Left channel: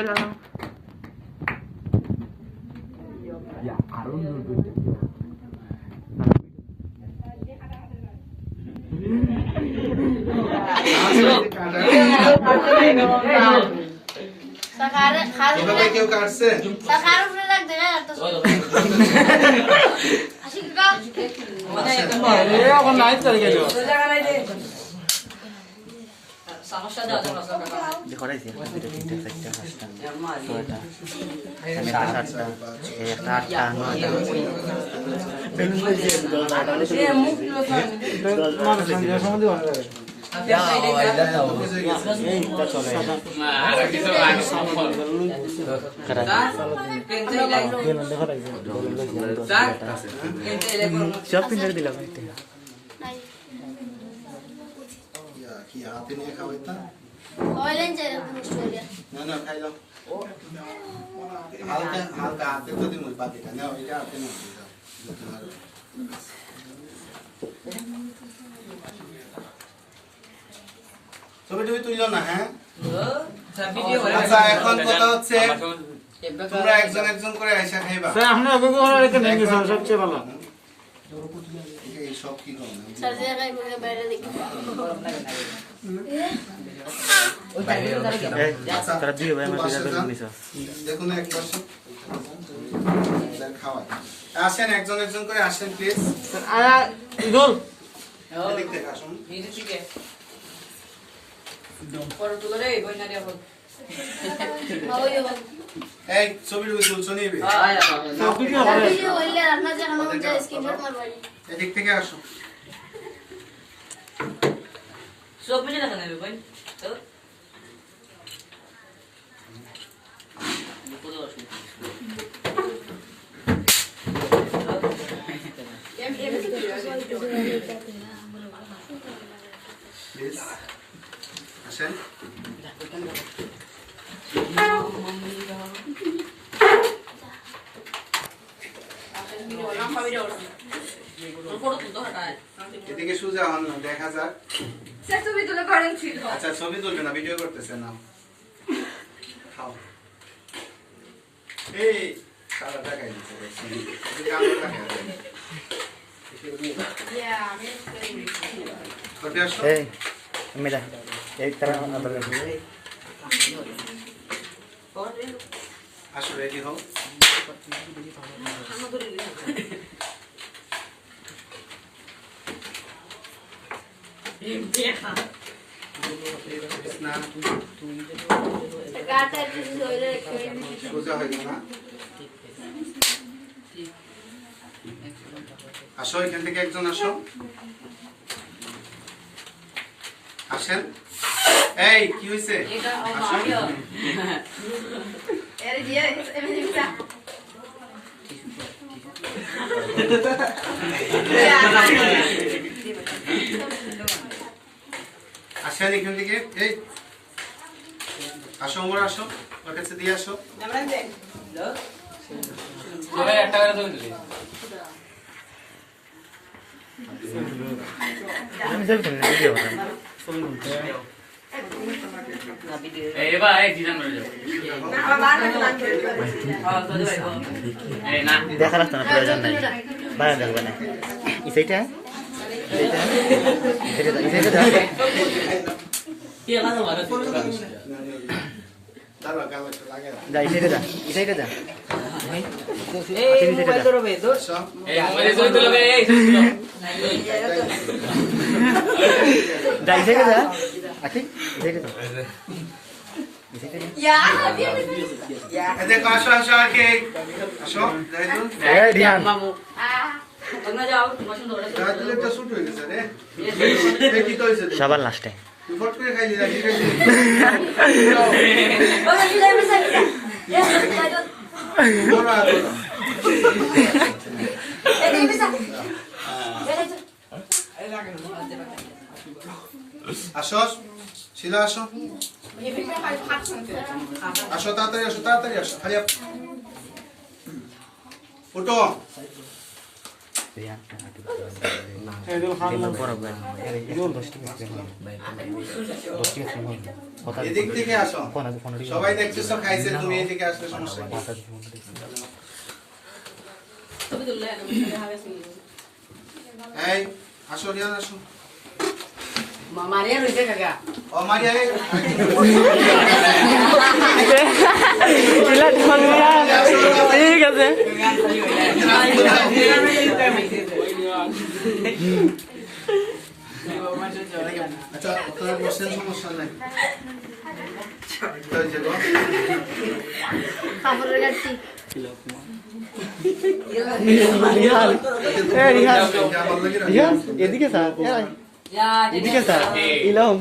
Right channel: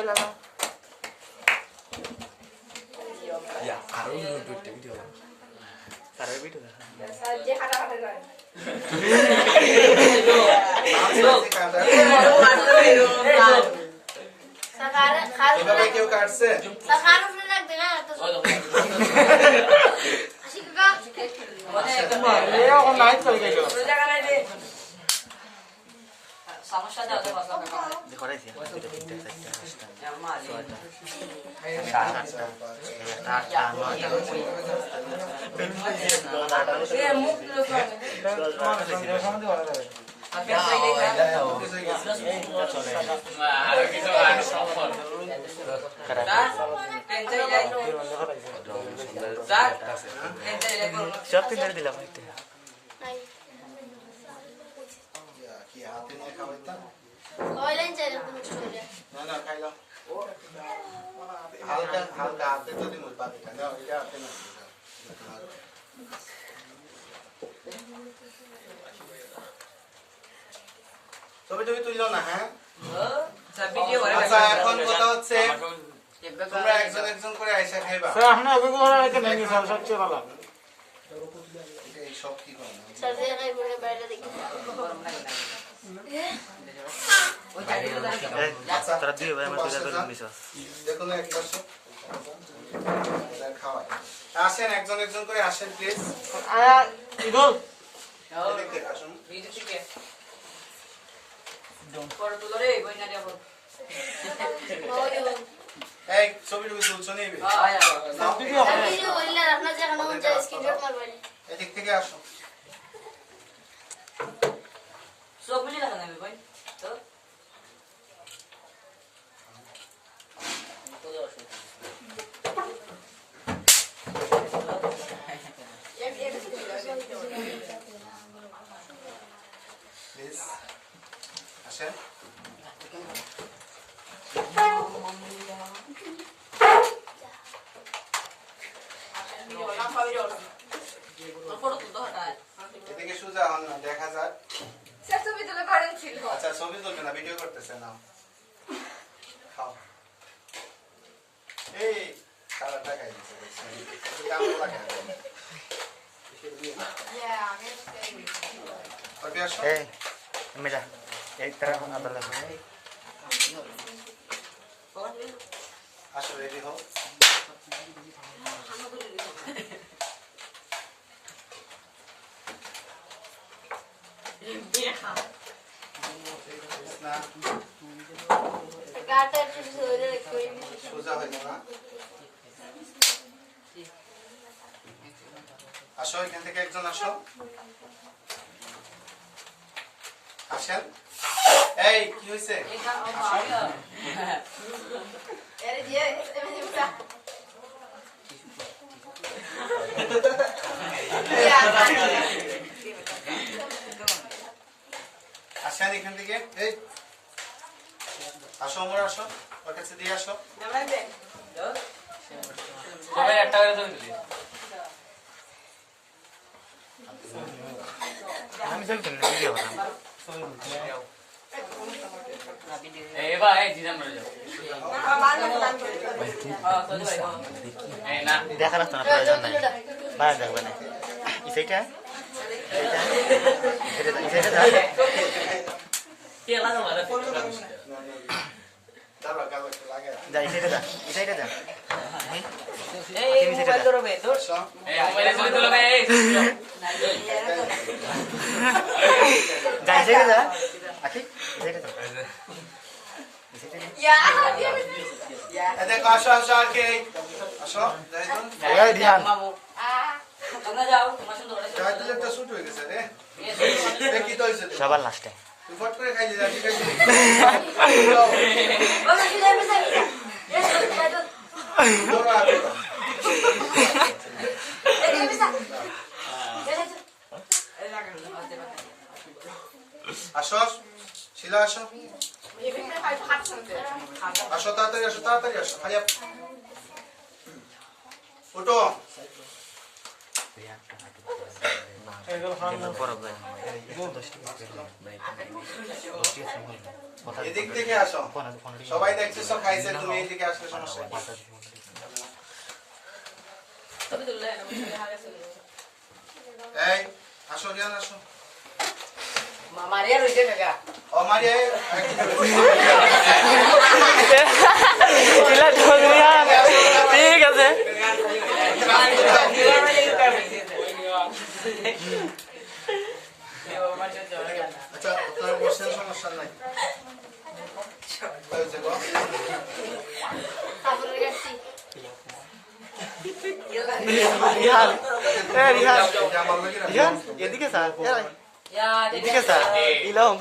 Mobile লাগাও Ya, kalau nuduh dia. Sekarang কেউ কাটছে sekarang udah lagi deh atas. Asik kau. এখন light চলে গেল সমস্যা দাও দাও দেখো রাইছে 2 3 4 5 6 দিলাম কি হাতে নিয়ে খাওয়াইতা Oilan jadi historia. না না খাই দাও হালকা হালকা হাতে তো দিন বাকিটা নাও এটা হাতে নাও ছবি টবি তুইলো না হ্যাঁ আচ্ছা এখন কথা হচ্ছে তোমরা একজন একজন করে আইসা খাইবা স্যার আপনি আগে কোন রেখে নেন স্যার সবচেয়ে ভালো এই সব কি করো না Saya kayak boleh bayar di. তারা দুই ভাই আমার দুইটা করে নিছো দেখুন এক পাশে খাওয়াই আসেন একজন একজন করে আসেন প্লিজ আয়া ইদুল এদিক থেকে আসুন Oh iya. এই ছবি টবি তুলছো নিবি Tapi oilan আপনার জায়গা না হচ্ছে স্ক্রিনশট মারবাই। এদিক থেকে আসো সব মিলে দেখা নেবে ভাই তো প্লিজ আসেন এদিকে সোজা হন না দেখা যাক আচ্ছা ছবি তুলবে না ভিডিও করতেছে না খাও এই সারা টাকাই দিচ্ছে দেখছি এদিকে আমরা টাকা দেই করবি আসো এই মেলা এই তারা আবার দেখো আসো রেডি হও না Kata itu oilan সোজা হয়ে গেল না আসো এখান থেকে একজন আসো আসেন এই কি হয়েছে Era dia, ele bisa. আসেন এখান থেকে এই আসো ওমর আসো ওর কাছে দিয়ে আসো সবাই একটা করে জমি দিবি আমি সব তুমি ভিডিও করলাম এই ভাই ডিজাইন করে যাও এই না দেখা রাখতো না প্রয়োজন নাই বাইরে দেখবে না এই সাইডটা এই সাইডটা কে লাগা মারে দাঁড়া কালো একটু লাগে যা এই সাইডটা যা এই মোবাইল ধরবে দূর আসো এই মোবাইলে ছবি তুলবে এই যা এই সাইডটা যা আখি এই সাইডটা যা Ya, dia. এদিকে আসো আসো আর কে আসো জাহিদুল এই রিহান Ah. তোমরা যাও তোমার সুন্দর করে জাহিদুল একটা শুট হয়ে গেছে রে দেখি তো হইছে সবার লাস্টে তুই ফট করে খাইলি রাজি খাইলি Oh, sudah bisa. Ya, বড় আর dia bisa. আসো শিলা আসো আসো তাড়াতাড়ি আসো খালি উঠো এদিক থেকে আসো সবাই দেখতেছো খাইছে তুমি এদিকে আসলে সমস্যা কি তুমি তুললে আমি আগে চলে এই আসো রিয়ান আসো মারিয়া রইছে কাকা ও মারিয়া ঠিক আছে আচ্ছা তোর বসেন সমস্যা নাই হয়েছে গো কাপড়ের গাড়ি রিহান রিহান রিহান এদিকে স্যার এদিকে স্যার ইলম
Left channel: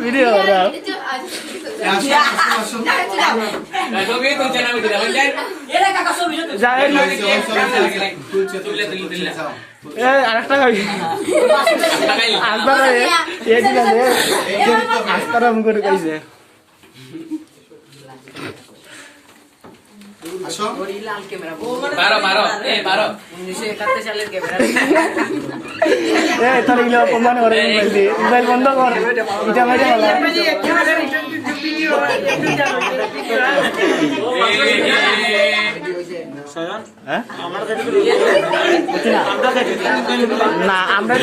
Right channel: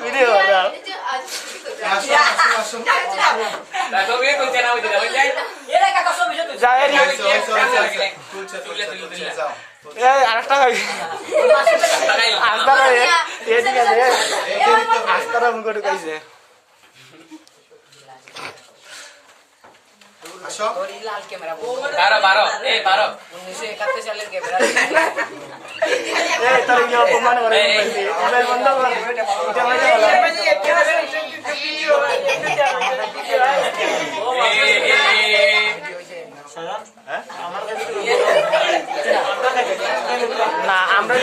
ভিডিও আরেকটা আসবা এদিকে আসতারা মুখ ঢুকাইছে আসো লাল ক্যামেরা 1971 সালের ক্যামেরা তোর ইয়ে অপমান করে মোবাইল বন্ধ কর এটা বাইরে বলা না আমরা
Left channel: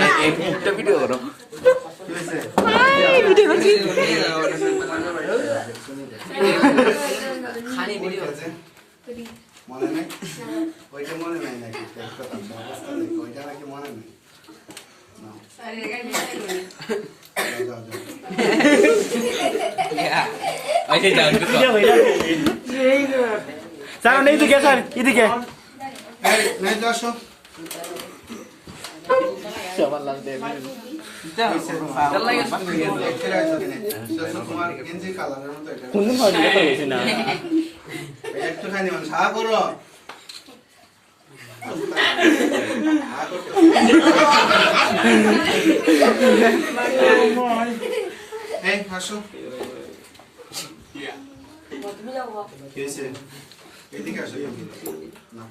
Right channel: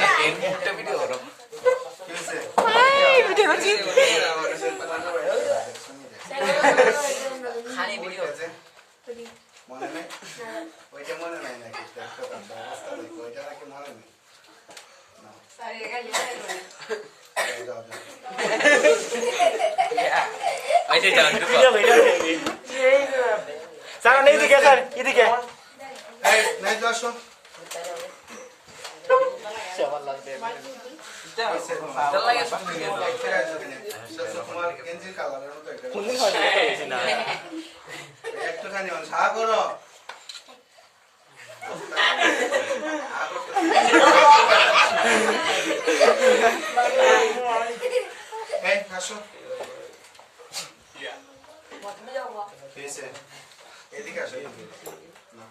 না একটা ভিডিও করো ভিডিও করছি খালি ভিডিও মনে নেই ওইটা মনে নাই নাকি ওইটা নাকি মনে নেই স্যার এইদিকে স্যার এদিকে নেই তো আসো তোমার গেঞ্জি কালারের মতো কোনদিন হয় না একটুখানি সাহা করো এই আসো এদিকে আসো না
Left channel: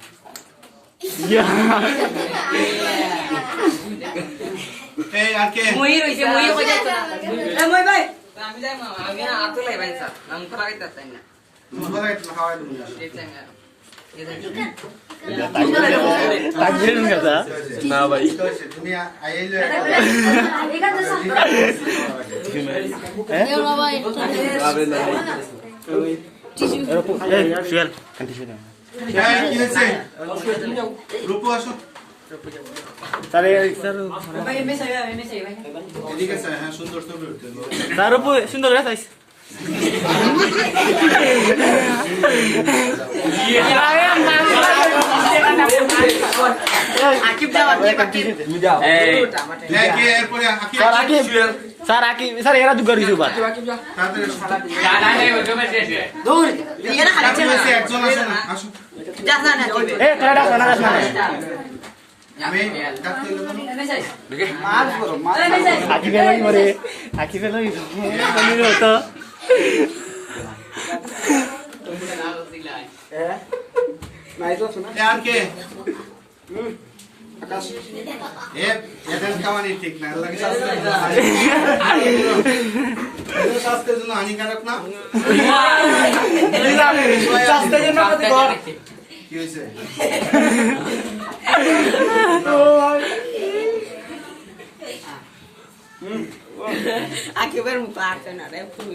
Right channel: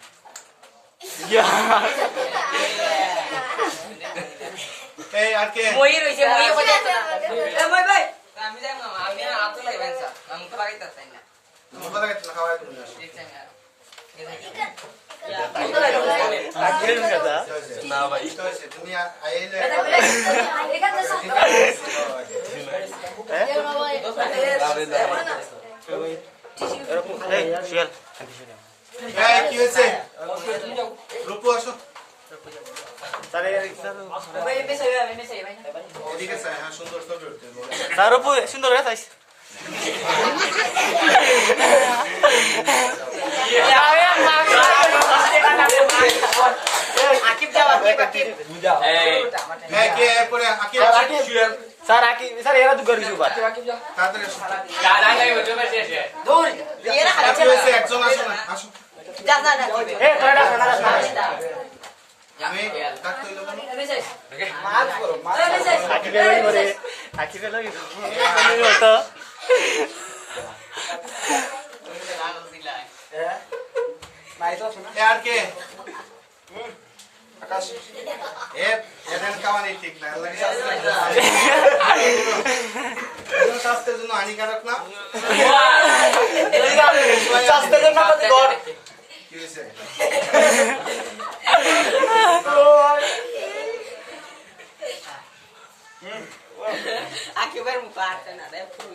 এই আর কে মই রইছে মই কইতা না এ মই ভাই আমি যাই মামা আমি না আতো লাই ভাই স্যার আমি তো লাগাইতা তাই না তুমি বলা গেছ না খাওয়াই তুমি আসো না ভাই তুমি আইলে শিয়াল কি হয়েছে রূপু আসো স্যার স্যার ভাই মেসেজ ভাই এদিকে স্যার হ্যাঁ সুন্দর ছবি উঠতে স্যার রূপু সুন্দর গাছ আইস স্যার আকি স্যার এরা দুগার কিছু বাদ এ কাটা কাটা কাটা আকি ফেলাই মরে আকি ফেলাই হতো यार के ए এদের খাওয়ানি ঠিক না লাগে স্বাস্থ্যের জন্য হানিকারক না স্বাস্থ্যের জন্য কত কর কি হইছে একেবারে মুপার না রে ফুল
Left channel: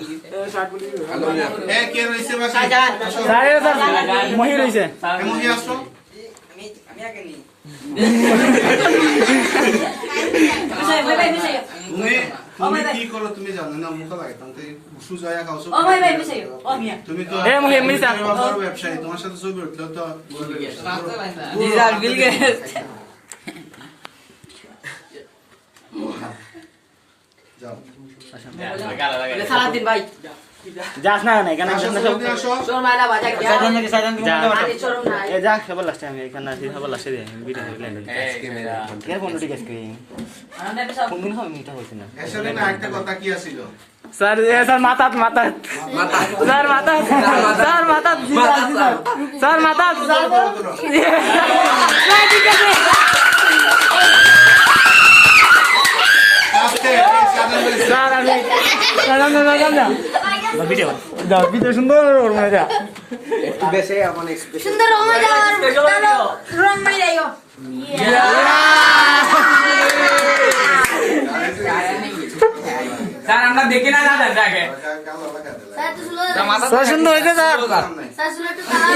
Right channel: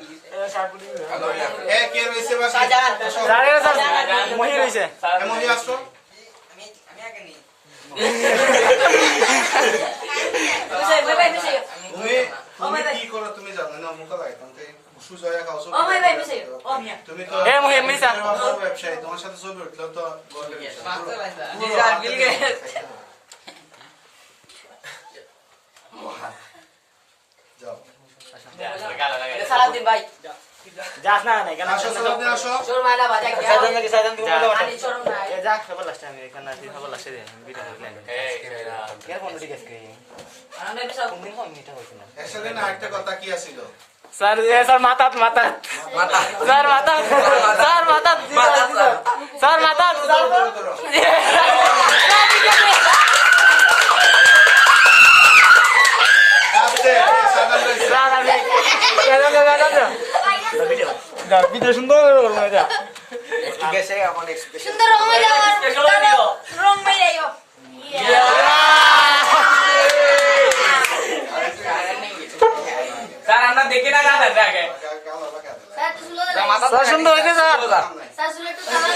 এ কে রইছে বাসা স্যার স্যার মহি রইছে এমনি আসো আমি আগে নি তুমি কি করো তুমি জানো না মুখ লাগে তুমি সুজয়া খাও ও ভাই ভাই মিশে ও মিয়া তুমি তো এ মহি মিসা ব্যবসায়ী তোমার সাথে ছবি উঠলো তো ডিজাইন বিল গেছে যাও সালাদিন ভাই যাস না না এখানে আসো সবাই আসো চোর মাইনা বাজা গিয়া যা আনি চোর নাই এ যা সবার লাস্টে আমি এখানে আসি সবার লাস্টে দিয়ে ভিডিও ল্যান্ড এর ফোন ঠিক আছে কোন দিন হয় মিটা হইছে না একসাথে না একটা কথা কি আছিল স্যার স্যার মাথাত মাথাত স্যার মাথাত স্যার মাথাত স্যার মাথাত আস্তে সাধারণ রয়েছে স্যার আমি ভিডিও সুন্দর করবো না যা সুন্দর রং মাইরা রং মাইরাইও স্যার আমরা দেখি না দাদা দেখে কামড় লাগা দিলা স্যার তো সুলো স্যার সুন্দর হয়েছে স্যার স্যার সুলো একটু তাহা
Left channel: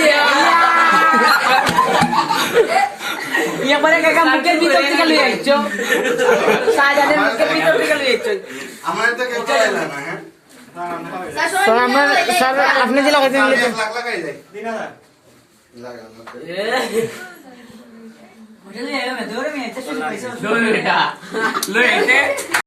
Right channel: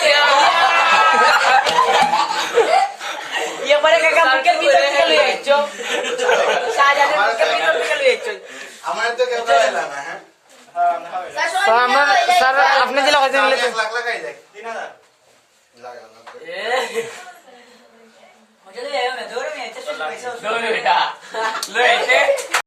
এবারে কাকা মুখের ভিতর থেকে লই আইছো শাহজাদের মুখের ভিতর থেকে লই আইছো আমার তো কেউ লাগাইলা না হ্যাঁ স্যার আমরা স্যার আপনি কি লাগাইছেন লাখ লাগাই দেখ 3000 লাগা দৌড় বেটা লই আইতে